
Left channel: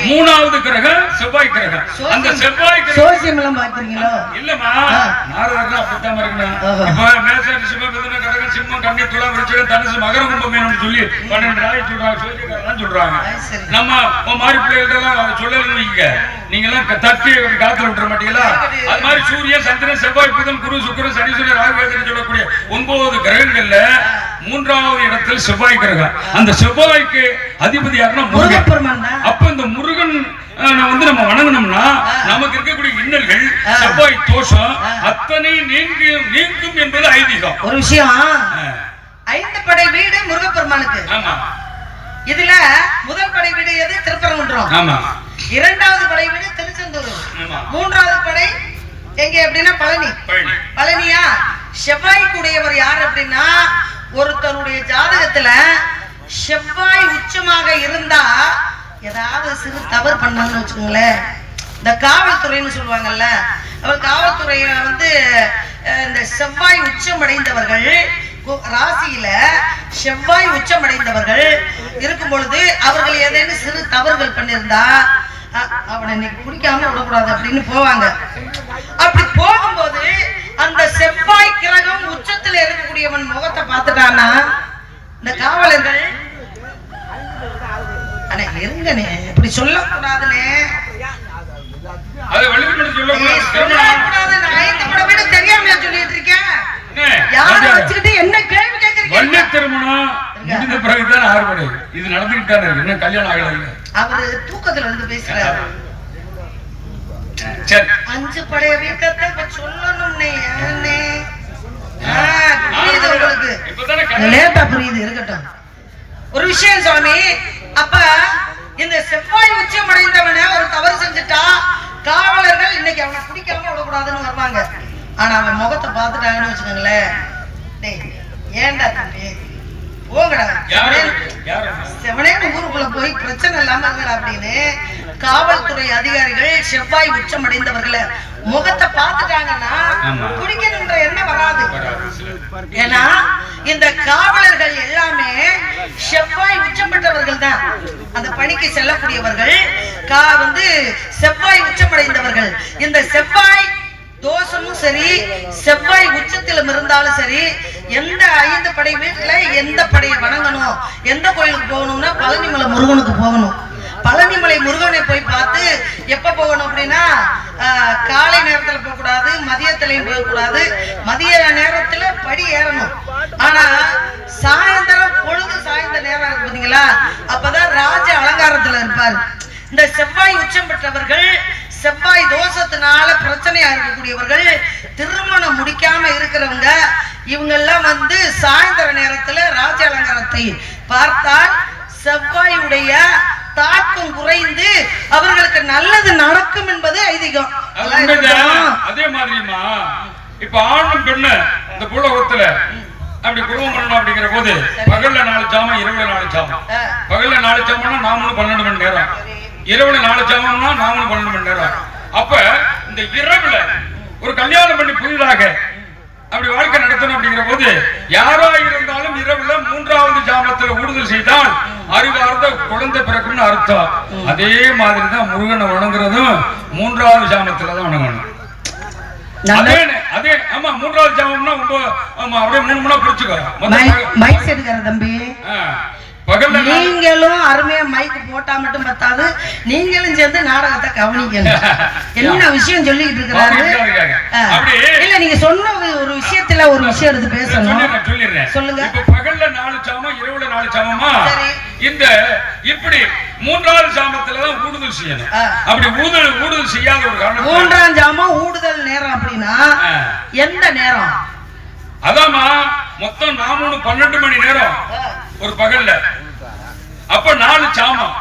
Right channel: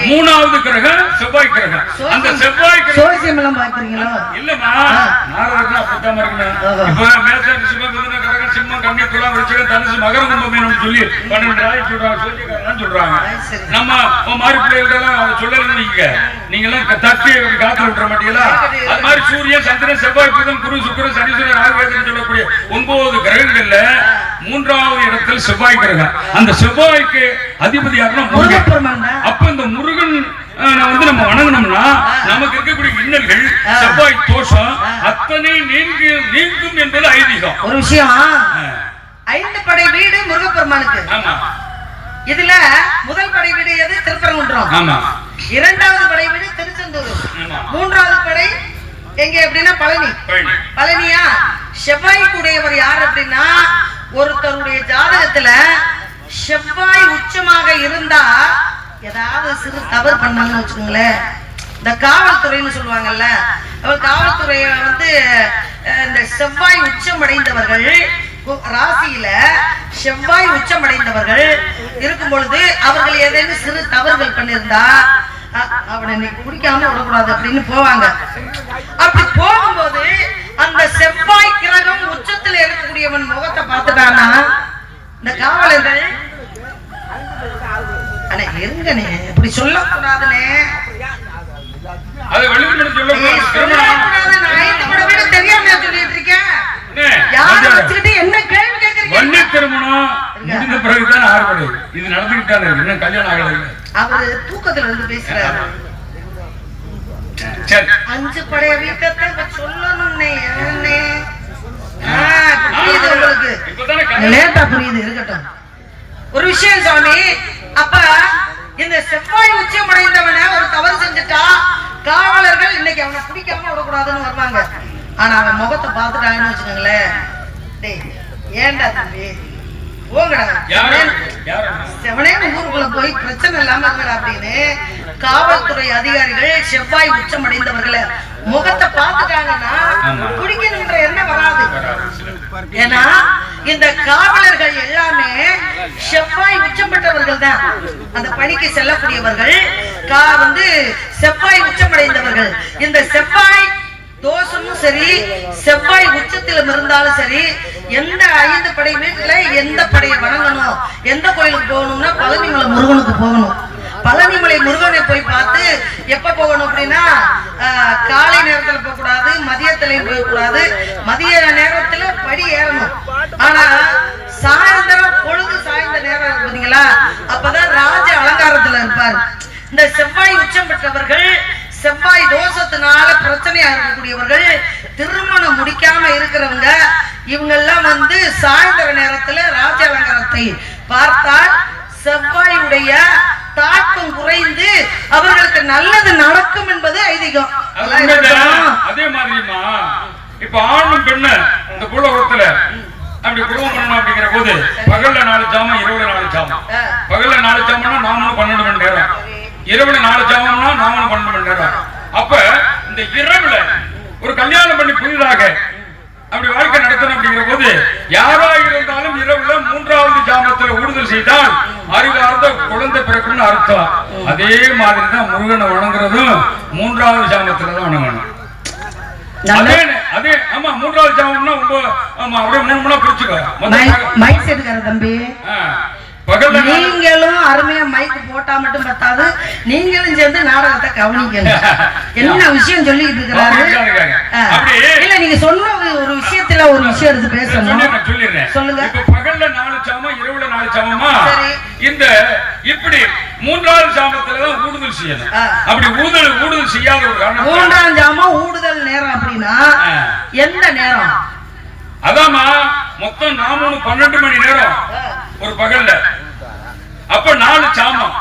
மூணாவது கிரகம் செவ்வாய் கிரகம். அந்த செவ்வாய் சோசியம் எல்லாம் பாக்குறீங்களா? இல்லமா, நாரதர்கள் அப்படித்தான் இருக்கணும். இப்ப மேஷ ரிஷபம், மிதுனம், கடகம், சிம்மம், கன்னி, துலாம், விருச்சிகம், தனுசு, மகர, கும்பம் சொல்லி 12 ராசி சொல்றாங்க, சூரியகாரன் சொல்றாங்க. நம்ம மாறி பிள்ளைகள் சொல்லல, நீங்க எல்லாம் தப்பி காத்து விட்டுற மாட்டீங்களா? அது மாதிரி சூரியன், சந்திரன், செவ்வாய், புதன், குரு, சுக்கிரன், சனீஸ்வரன், ராகு சொல்லக்கூடிய 9 கிரகங்கள்ல 3வது இடத்தில் செவ்வாய் கிரகம். அந்த செவ்வாய்க்கு அதிபதி யாருன்னா முருகன். அப்ப இந்த முருகன் நம்ம வணங்கணும்னா நமக்கு இருக்கக்கூடிய இன்னல்கள், செவ்வாய் தோஷம் அத்தனை நீங்கும் என்பது ஐதீகம். ஒரு விஷயம், 5 படை வீடு முருகப்பெருமானுக்கு. இதுல முதல் படை வீடு எது? திருப்பரங்குன்றம். 2வது படை வீடு திருச்செந்தூர். 3வது படை எங்க அப்படின்னா பழனி. பழனியா? செவ்வாய் கூடியவர் யார் அப்படின்னா, ஒருத்தருடைய ஜாதகத்துல செவ்வாய் உச்சமாக இருந்தா ஏதாவது சிறு தவறு பண்ணான்னு வச்சுக்கோங்களேன், இந்த காவல்துறைன்னு சொல்லுவாங்கல்ல, அவர் காவல்துறைய இந்த செவ்வாய் உச்சமடைந்தவர்கள் ராசியில செவ்வாய் உச்சமடைந்தவர்கள் இருக்கும் பொழுது அவர்கள் ஏதேனும் சிறு தவறுகள் பண்ணியிருந்தா அவனை இன்னைக்கு குடிக்காம விடக்கூடாது அப்படின்னு போவாங்க. அப்படி போகும்போது அந்த செவ்வாய் கிரகம் உச்சத்துல இருக்கக்கூடியவன் முகத்தை பார்த்துட்டானா இந்த காவலர்கள் இருங்கனே இப்படி சொல்லக்கூடாதுனே, தெரியாம சொல்லிட்டு இருக்கேன். என்ன கேள்வி கேட்கறீங்க? திருமணம் முடிந்த பிறகுதான் ஆறுபடை இது நடந்துகிட்டாரு, இன்னும் கல்யாணம் ஆகல. அவரு தூக்கத்துல பேசுறாரு. 5 படைய வீக்கத்தை சொல்லணும்னே லேட்டா புரியுது. இருக்கட்டும், ஒரு விஷயம் சுவாமி. அப்ப இந்த செவ்வாய் உச்சம் அடைந்தவன ஒரு தவறு செஞ்சுட்டா காவலர்கள் இன்னைக்கு அவனை பிடிக்காம விடக்கூடாதுன்னு வருவாங்க. ஆனா அவன் முகத்தை பார்த்துட்டாங்கன்னு வச்சுக்கோங்களேன், ஏண்டா தம்பி போங்கடா, செவனேன்னு ஊருக்குள்ள போய் பிரச்சனை இல்லாம இருக்கா அப்படின்னு காவல்துறை அதிகாரிகள் செவ்வாய் உச்சம் அடைந்தவர்களை முகத்தை பார்த்துட்டாங்கன்னா குடிக்கணுன்ற எண்ணம் வராது. ஏன்னா இந்த காவலர்கள் எல்லாமே செவ்வாய் உச்சப்பட்டவர்கள் தான். அந்த பணிக்கு செல்லக்கூடியவர்கள் செவ்வாய் உச்சமடைந்தவர்கள். இந்த செவ்வாய் தோஷமும் சரி, செவ்வாய் உச்சத்திலும் இருந்தாலும் சரி, எந்த 5 படை வீட்டுல எந்த படையை வணங்கணும், எந்த கோயிலுக்கு போகணும்னா பழனிமலை முருகனுக்கு போகணும். பழனிமலை முருகனை போய் பார்த்து எப்ப போகணும் அப்படின்னா காலை நேரத்துல போக கூடாது, மதியத்திலையும் போக கூடாது. மதிய நேரத்துல படி ஏறணும். ஆனா சாயந்தரம் பொழுது சாய்ந்த நேரம் இருக்கு பாத்தீங்களா, அப்பதான் ராஜ அலங்காரத்துல இருப்பாரு. இந்த செவ்வாய் உச்சம் பெற்றவர்கள், செவ்வாய் தோஷத்தினால பிரச்சனையா இருக்கக்கூடியவர்கள், திருமணம் முடிக்காம இருக்கிறவங்க, இவங்கெல்லாம் வந்து சாயந்தர நேரத்துல ராஜ அலங்காரத்தை பார்த்தால் செவ்வாயுடைய தாக்கம் குறைந்து அவர்களுக்கு நல்லது நடக்கும் என்பது ஐதீகம். அதே மாதிரிமா இப்ப ஆணும் பெண்ணு இந்த பூலோகத்துல அப்படி குடும்பம் பண்ணணும் அப்படிங்கிற போது பகல்ல 4 ஜாமம், இரவுல 4 ஜாமம். பகல்ல 4 ஜாமம்னா நாமளும் 12 மணி நேரம், இரவுல 4 ஜாமம்னா நாமளும் 12 மணி நேரம். அப்ப இந்த இரவுல ஒரு கல்யாணம் பண்ணி புதிதாக அப்படி வாழ்க்கை நடத்தணும் அப்படிங்கிற போது யாரா இருந்தாலும் இரவுல 3வது ஜாமத்துல ஊடுதல் செய்தால் அறிவார்ந்த குழந்தை பிறக்கும்னு அர்த்தம். அதே மாதிரிதான் முருகனை வணங்குறதும் 3வது ஜாமத்துலதான் வணங்கணும். அதே ஆமா 3வது ஜாமம்னா அப்படியே 3 மணி பிடிச்சுக்க மைக் செட்டுக்கார தம்பி. பகல்ல நீங்களும் அருமையா மைக்கு போட்டா மட்டும் பத்தாது, நீங்களும் சேர்ந்து நாடகத்தை கவனிக்கணும். என்ன விஷயம் சொல்லிட்டு இருக்கிறாரு? இல்ல நீங்க சொன்ன ஒரு விஷயத்துல ஒரு விஷயம் இருக்கு பேசணும். சொல்லுங்க. இப்ப பகல்ல 4 ஜாமம், இரவுல 4 ஜாமமா? இந்த இப்படி 3வது ஜாமத்துலதான் ஊடுதல் செய்யணும். அப்படி ஊடுதல் செய்யாத ஒரு காரணம் 3ஆம் ஜாமம் ஊடுதல் நேரம் அப்படின்னா எந்த நேரம்? அதாமா மொத்தம் 12 மணி நேரம் ஒரு பகல்ல. அப்ப 4 சாமம்.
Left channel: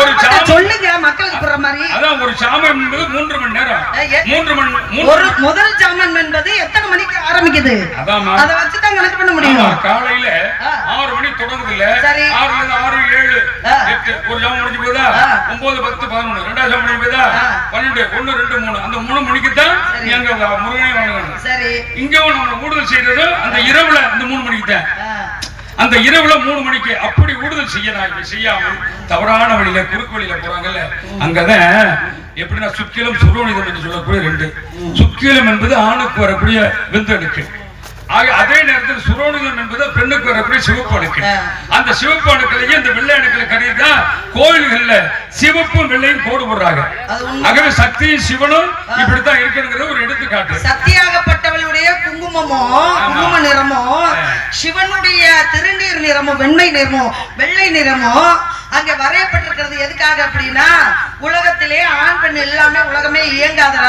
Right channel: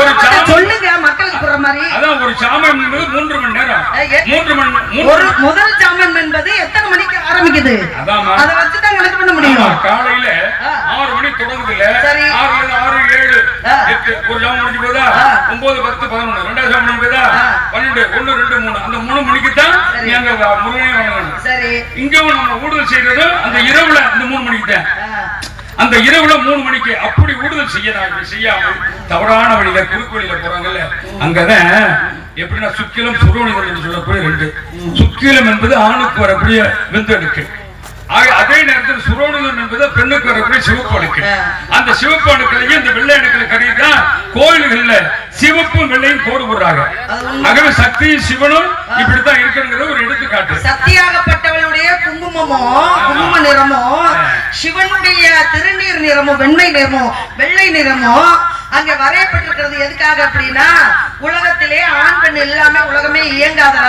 ஒரு சாமம் சொல்லுங்க மக்களுக்கு புரியுற மாதிரி. அதான் ஒரு சாமம் என்பது 3 மணி நேரம். 3 மணி. ஒரு முதல் சாமம் என்பது எத்தனை மணிக்கு ஆரம்பிக்குது? அதாமா அத வச்சு தான் கணக்கு பண்ண முடியும். காலையில 6 மணி தொடங்குதுல. 6 7 8 ஒரு ஜாமம் முடிஞ்சு போதா? 9 10 11 ரெண்டாவது ஜாமம் முடிஞ்சு போதா? 12 1 2 3 அந்த 3 மணிக்கு தான் நீங்க முருகனை வணங்கணும். சரி. இங்க நம்ம ஊடுதல் செய்யறது அந்த இரவுல அந்த 3 மணிக்கு தான். அந்த இரவுல 3 மணிக்கு அப்படி ஊடுதல் செய்யாம தவறான வழியில குறுக்கு வழியில போறாங்கல்ல, அங்கதான் எப்படின்னா சுக்கிலம் சுரோனிதம் என்று சொல்லக்கூடிய 2. சுக்கிலம் என்பது ஆணுக்கு வரக்கூடிய விந்தணுக்கள். அதே நேரத்தில் சுரோனிதம் என்பது பெண்ணுக்கு வரக்கூடிய சிவப்பு அணுக்கள். அந்த சிவப்பு அணுக்களையும் இந்த வெள்ளை அணுக்களை கருதிதான் கோயில்கள்ல சிவப்பும் வெள்ளையும் கோடு போடுறாங்க. ஆகவே சக்தியும் சிவனும் இப்படித்தான் இருக்கணுங்கிறது ஒரு எடுத்துக்காட்டு. சக்தியாகப்பட்டவளுடைய குங்குமமோ குங்கும நிறமோ, சிவனுடைய திருநீர் நிறமோ வெண்மை நிறமோ வெள்ளை நிறமோ அங்க வரையப்பட்டிருக்கிறது எதுக்காக அப்படின்னா, உலகத்திலே ஆண் பெண் எல்லாமே உலகமே இயங்காதா,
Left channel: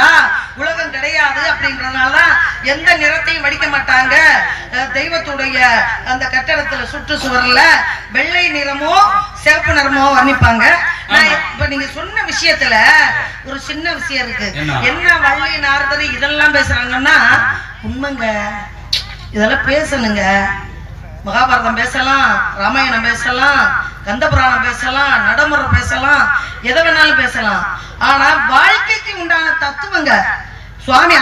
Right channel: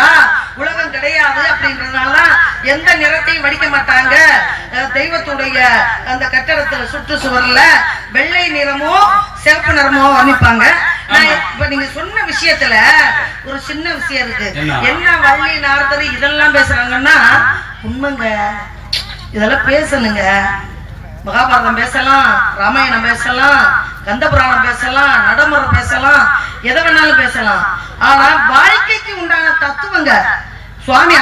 உலகம் கிடையாது அப்படின்றதுனாலதான் எந்த நிறத்தையும் வடிக்க மாட்டாங்க. தெய்வத்துடைய அந்த கட்டடத்துல சுற்றுச்சுவர்ல வெள்ளை நிறமோ சிவப்பு நிறமோ வர்ணிப்பாங்க. இப்ப நீங்க சொன்ன விஷயத்துல ஒரு சின்ன விஷயம் இருக்கு. என்ன வள்ளி நாரதர் இதெல்லாம் பேசுறாங்கன்னா உண்மைங்க, இதெல்லாம் பேசணுங்க. மகாபாரதம் பேசலாம், ராமாயணம் பேசலாம், கந்தபுராணம் பேசலாம், நடைமுறை பேசலாம், எதை வேணாலும் பேசலாம். ஆனா வாழ்க்கைக்கு உண்டான தத்துவங்க சுவாமி